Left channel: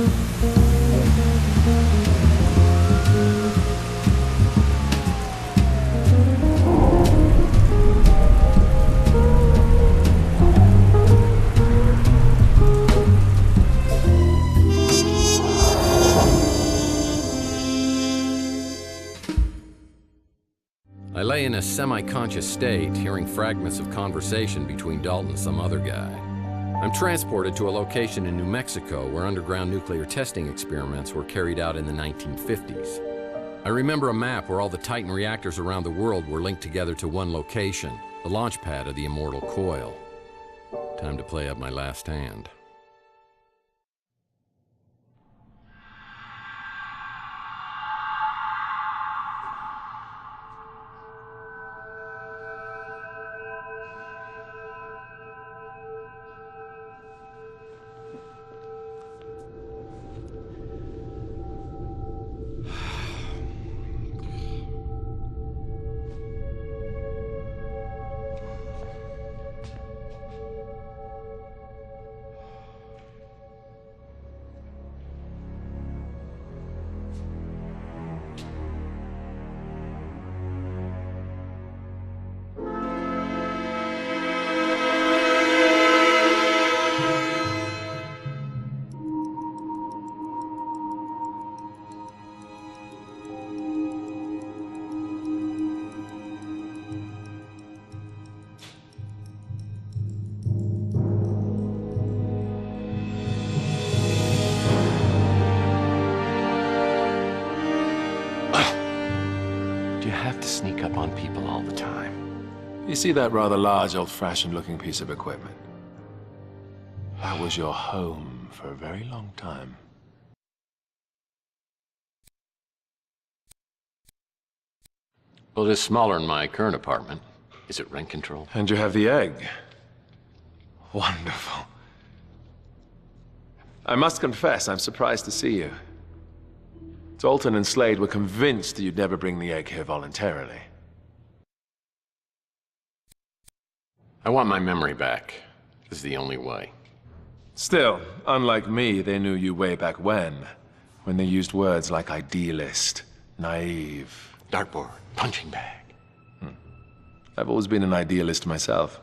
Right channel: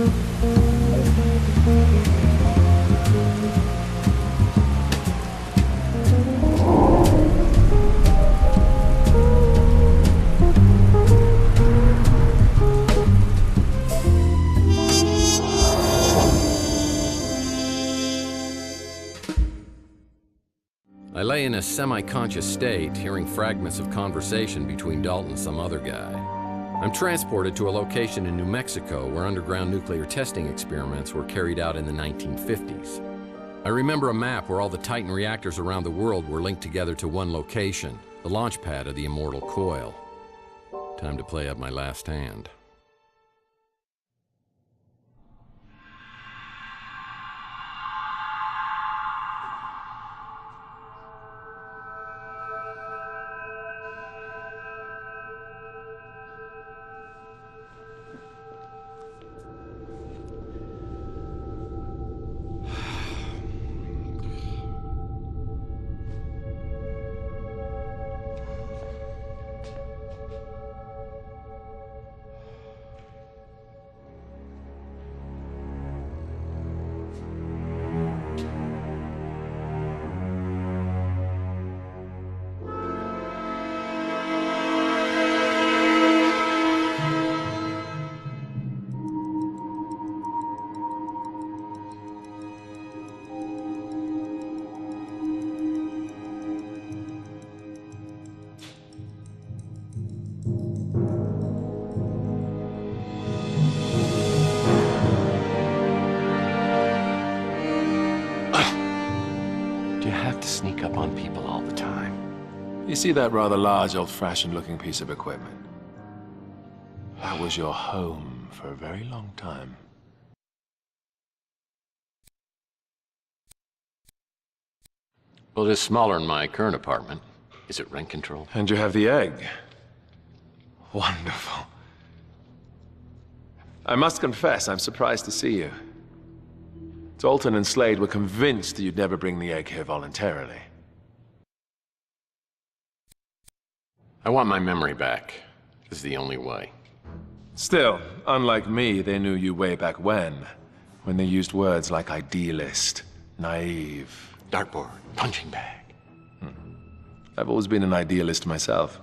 I lay in a semi-conscious state, hearing fragments of conversation between Dalton and some other guy. I'm transported to a location in New Mexico where underground nuclear testing experiments were carried out in the 1950s. I remember a map where all the Titan reactors around the world were linked together to one location, the launch pad of the Immortal Coil. Time to play up my last hand. Do you have to sneak up on people all the time? You see that rather large, old-fashioned looking piece of equipment? That was your home for a very long time. Well, it is smaller than my current apartment. Is it rent controlled? And you have the egg. Wonderful. I must confess, I'm surprised to see you. Dalton and Slade were convinced that you'd never bring the egg here voluntarily. I want my memory back. This is the only way. Still, unlike me, they knew you way back when they used words like idealist, naive. Dartboard, punching bag. I've always been an idealist myself.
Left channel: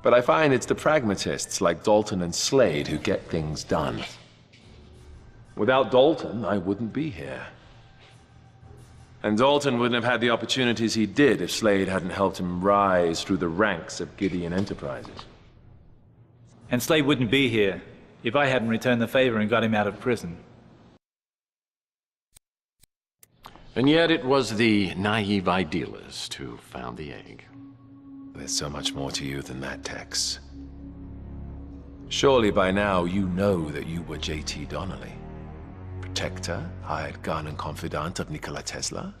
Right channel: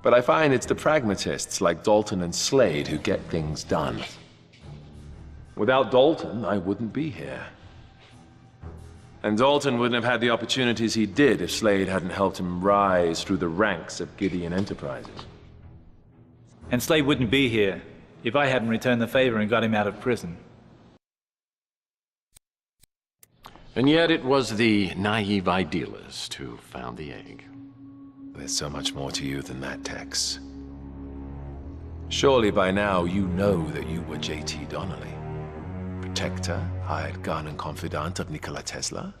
But I find it's the pragmatists like Dalton and Slade who get things done. Without Dalton, I wouldn't be here. And Dalton wouldn't have had the opportunities he did if Slade hadn't helped him rise through the ranks of Gideon Enterprises. And Slade wouldn't be here if I hadn't returned the favor and got him out of prison. And yet it was the naive idealist who found the egg. There's so much more to you than that, Tex. Surely by now you know that you were J.T. Donnelly. Protector, hired gun and confidant of Nikola Tesla?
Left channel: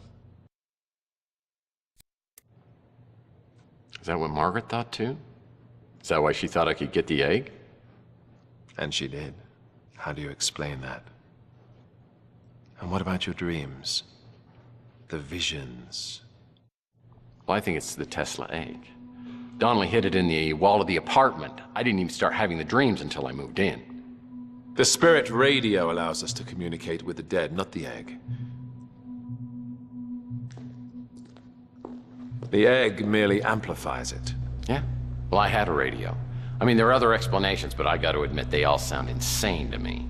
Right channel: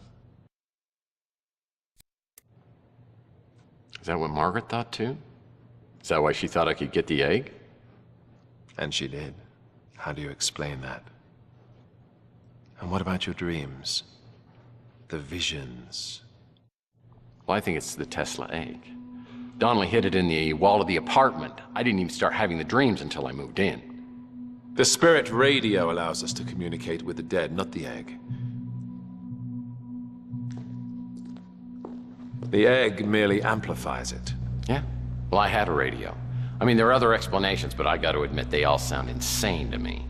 Is that what Margaret thought too? Is that why she thought I could get the egg? And she did. How do you explain that? And what about your dreams? The visions? Well, I think it's the Tesla egg. Donnelly hid it in the wall of the apartment. I didn't even start having the dreams until I moved in. The spirit radio allows us to communicate with the dead, not the egg. The egg merely amplifies it. Yeah? Well, I had a radio. I mean, there are other explanations, but I got to admit, they all sound insane to me.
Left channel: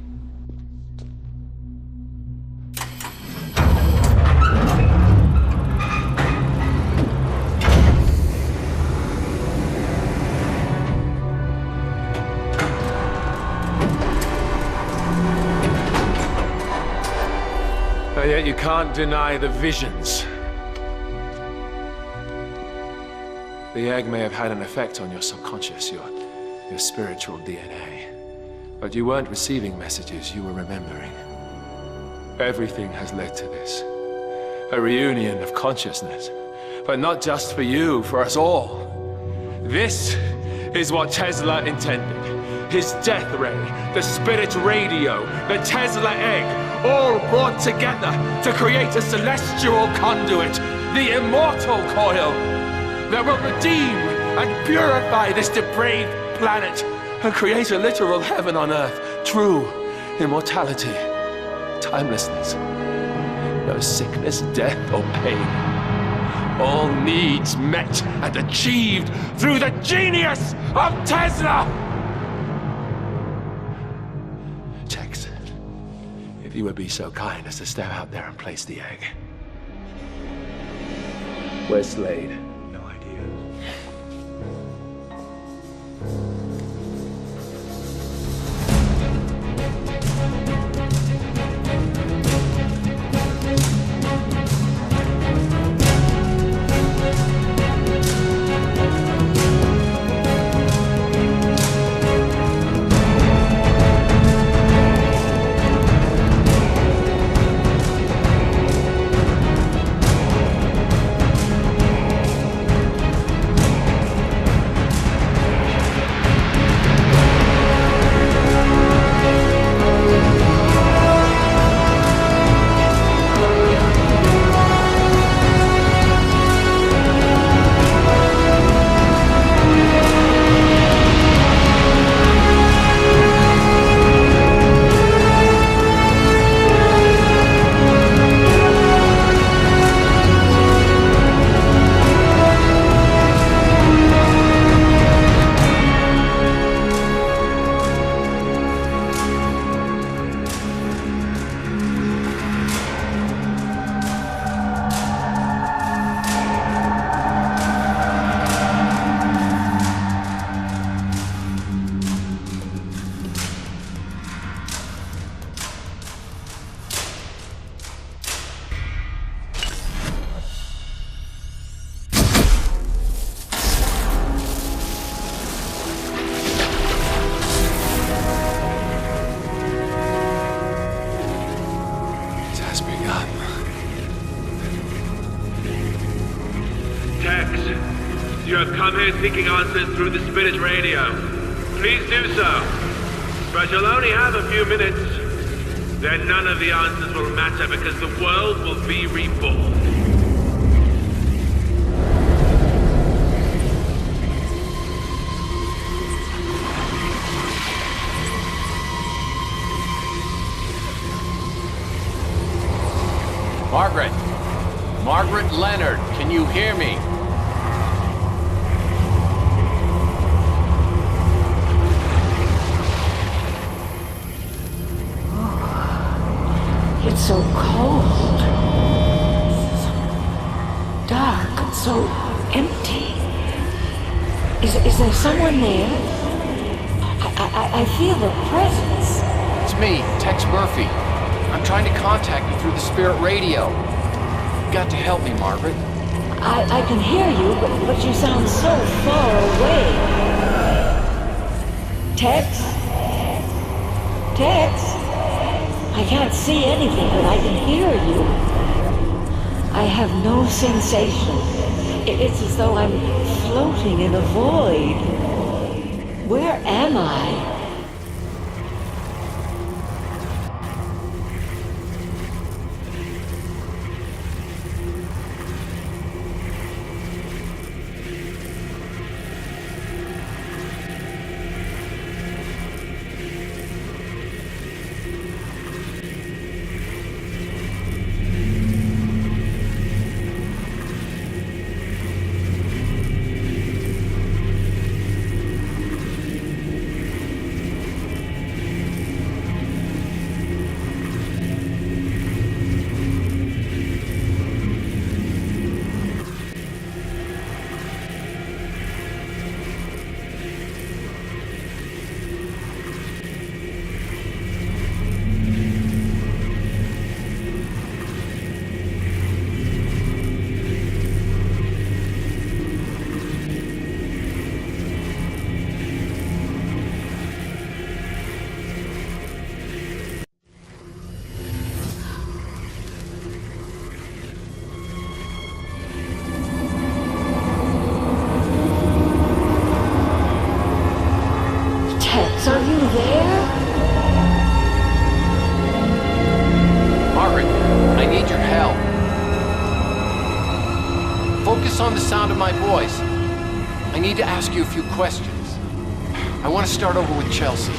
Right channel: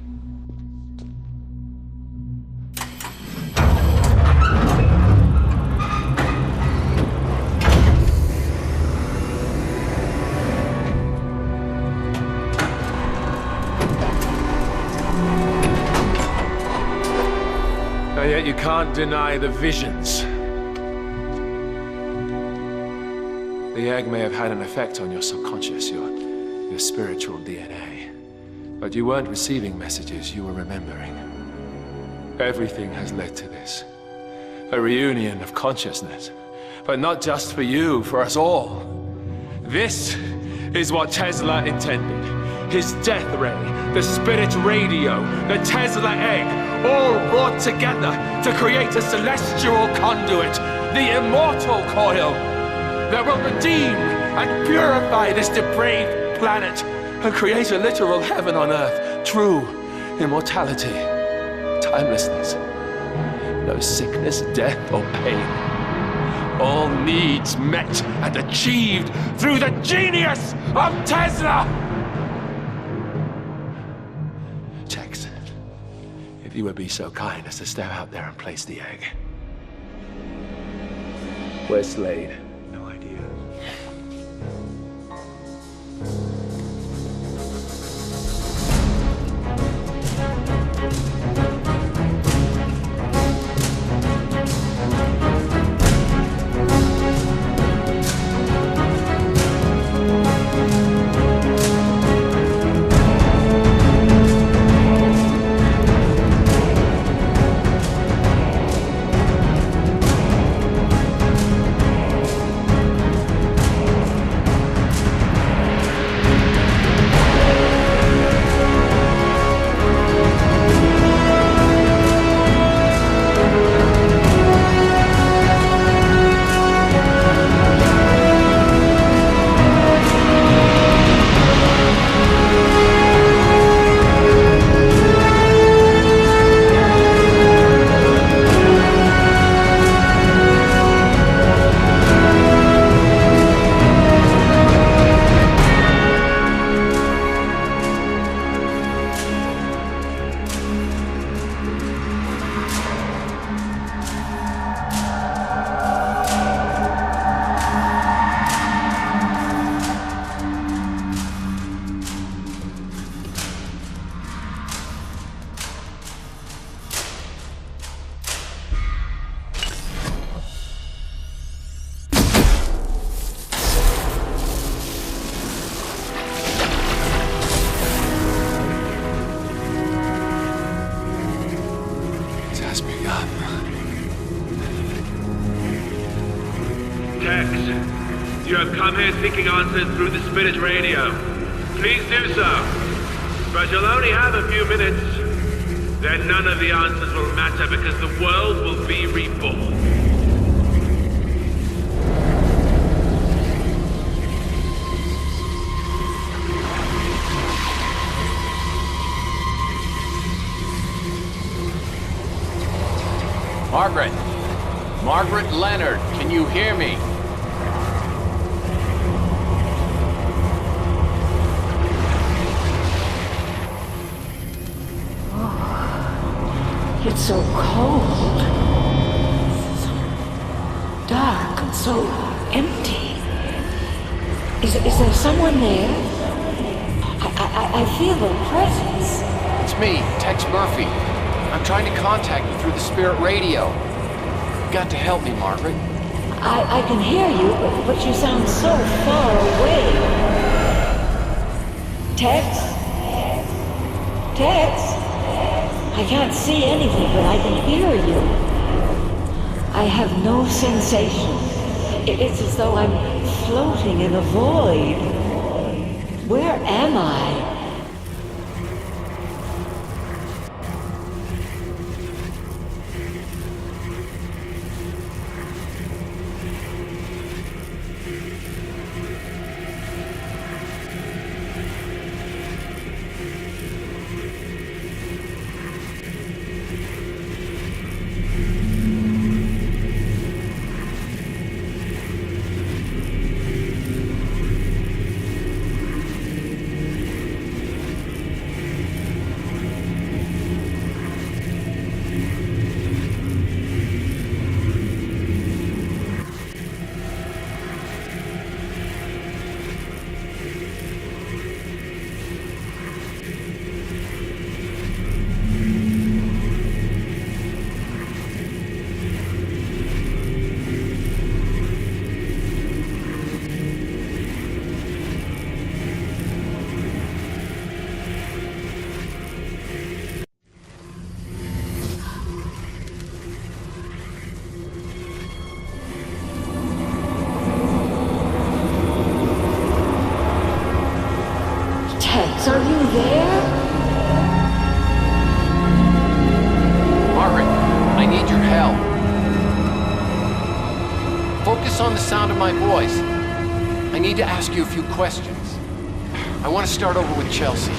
And yet you can't deny the visions. The egg may have had an effect on your subconscious, your spiritual DNA. But you weren't receiving messages, you were remembering. Everything has led to this. A reunion of consciousness. But not just for you, for us all. This is what Tesla intended. His death ray, the spirit radio, the Tesla egg, all brought together to create a celestial conduit, the Immortal Coil, that will redeem and purify this depraved planet and create a literal heaven on earth. True, immortality, timelessness. No sickness, death, or pain. All needs met and achieved through the genius of Tesla! Tex, if you would be so kind as to step out there and place the egg. Where's Slade? No idea. Tex, you have come here seeking answers through the spirit radio. Please do so. But you'll only have a few minutes. Then none of the answers will matter because the world will be reborn. Margaret! Margaret Leonard, can you hear me? It's so cold. So dark and so empty. Is there someone there? I feel a presence. It's me, Tex Murphy. I'm trying to contact you through the spirit radio. You've got to help me, Margaret. I can hear you, but you sound so far away. Tex? Tex? I can't see anything, but I can hear you. I have no sensation. It's as though I'm floating in a void. Where am I? Tex, are you there? Margaret, I need your help. Focus on the sound of my voice. I need to ask you a few questions. I want to start over with Chelsea.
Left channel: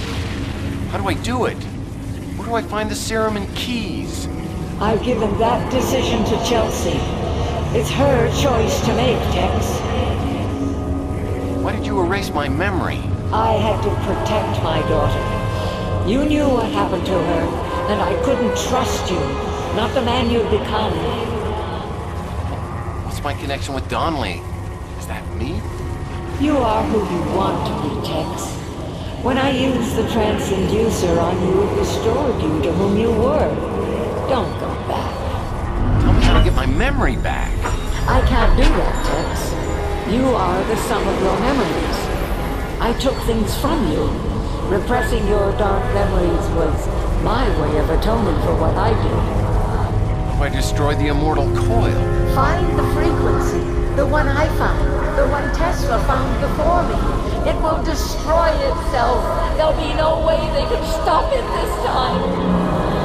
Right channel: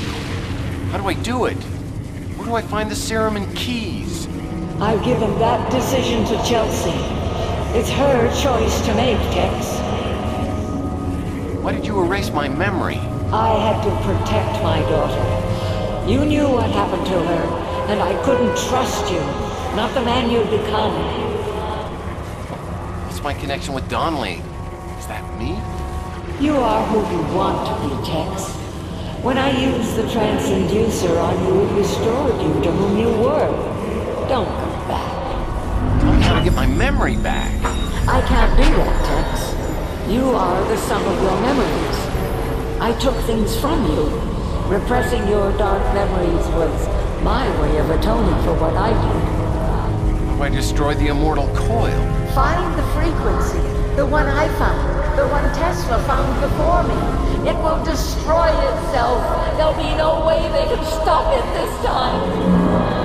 How do I do it? Where do I find the serum and keys? I've given that decision to Chelsea. It's her choice to make, Tex. Why did you erase my memory? I had to protect my daughter. You knew what happened to her, and I couldn't trust you. Not the man you'd become. What's my connection with Donnelly? Is that me? You are who you want to be, Tex. When I used the transducer on you, it restored you to whom you were. Don't go back. Tell me how to get my memory back. I can't do that, Tex. You are the sum of your memories. I took things from you. Repressing your dark memories was my way of atoning for what I did. How do I destroy the Immortal Coil? Find the frequency. The one I found. The one Tesla found before me. It will destroy itself. There'll be no way they can stop it this time.